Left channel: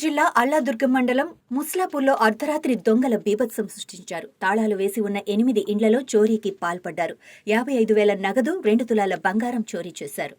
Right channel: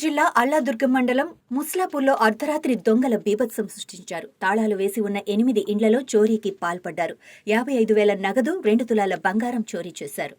జిల్లా అల్లాదుర్గం మండలం ముస్లాపూర్లో అర్ధరాత్రి దొంగల బీభత్సం సృష్టించారు. తాళాలు వేసి ఉన్న 8 ఇండ్లలో చోరీకి పాల్పడ్డారు. 55,000 నగదు, 2 తులాల బంగారం చోరీ చేశారు.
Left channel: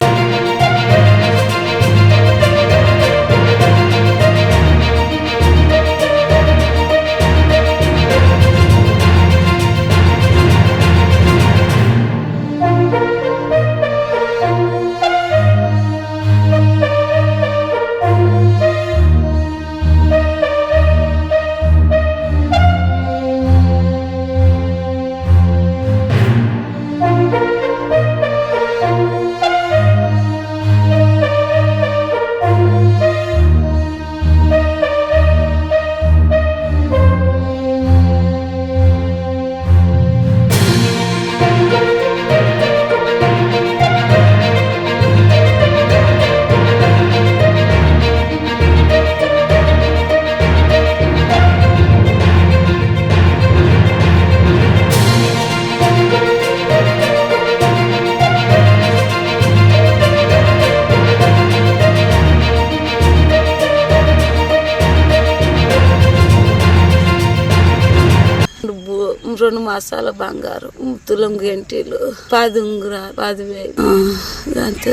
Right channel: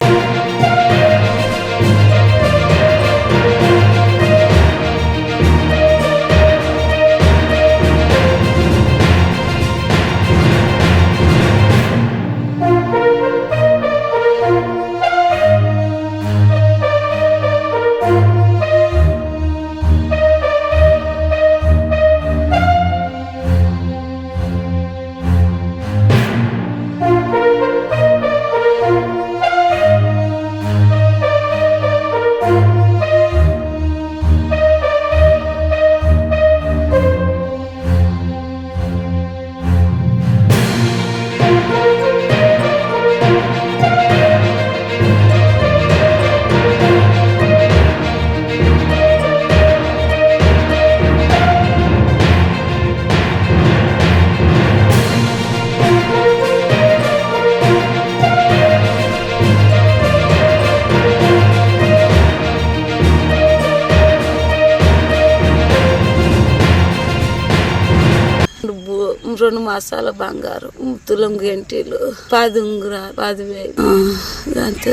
రెండు మాసాల బంగారం, తులం గంటలు, 10 ఉంగరాలు, 10,000 అంతే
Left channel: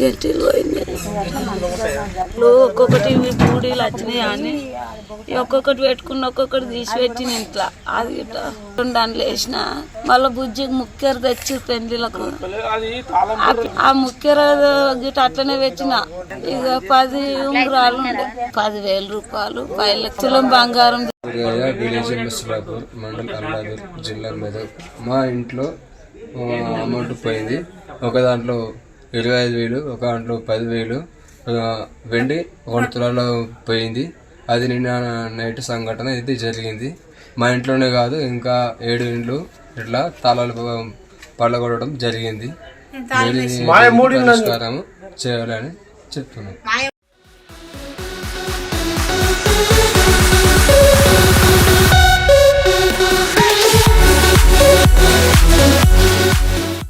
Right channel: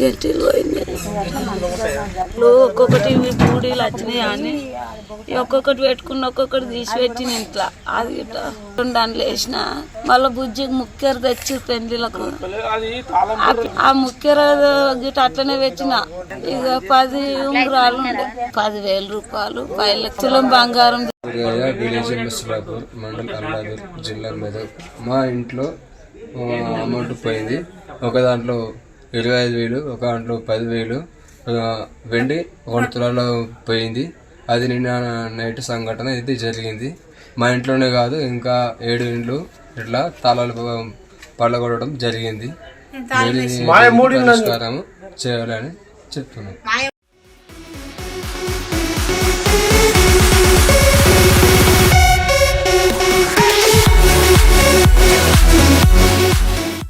గంటలు పోయినాయి. ఒక్కొక్కటి పూడీలు వచ్చినాయి అని ఒక్కొక్కటి పెట్టుకుని ఒక్కొక్కటి తీసి పెట్టిన ఇంట్లో. అది గిట్ట దాంట్లో వేసిన మళ్ళీ బుజ్జికి ముక్కెర తెచ్చి పెళ్లిలకు ఆ ముక్కెర గిట్ట అట్లనే పెట్టిన. ఇక 10 ఉంగరాలు ఉండే 10,000 రూపాయలు, 5 లక్షల బంగారం. విలేజ్ ముస్లాపూర్, మండల్ అల్లాదుర్గ్, జిల్లా మెదక్. మా ఇంట్లో అమౌంట్ పోయింది. ఒక దాంట్లో 25,000, ఒక దాంట్లో 10,000 వెండి 1 తులాలో పోయింది. అది నిన్న నైట్ సంఘటన ఇది జరిగింది. మా ఇంట్లోనే కాదు, ఇంకా 7 ఇండ్లు ఇట్లా తాళాలు పళ్ళగొట్టడం జరిగింది. పరిష్కారం చేయాలని చెప్తున్నాం.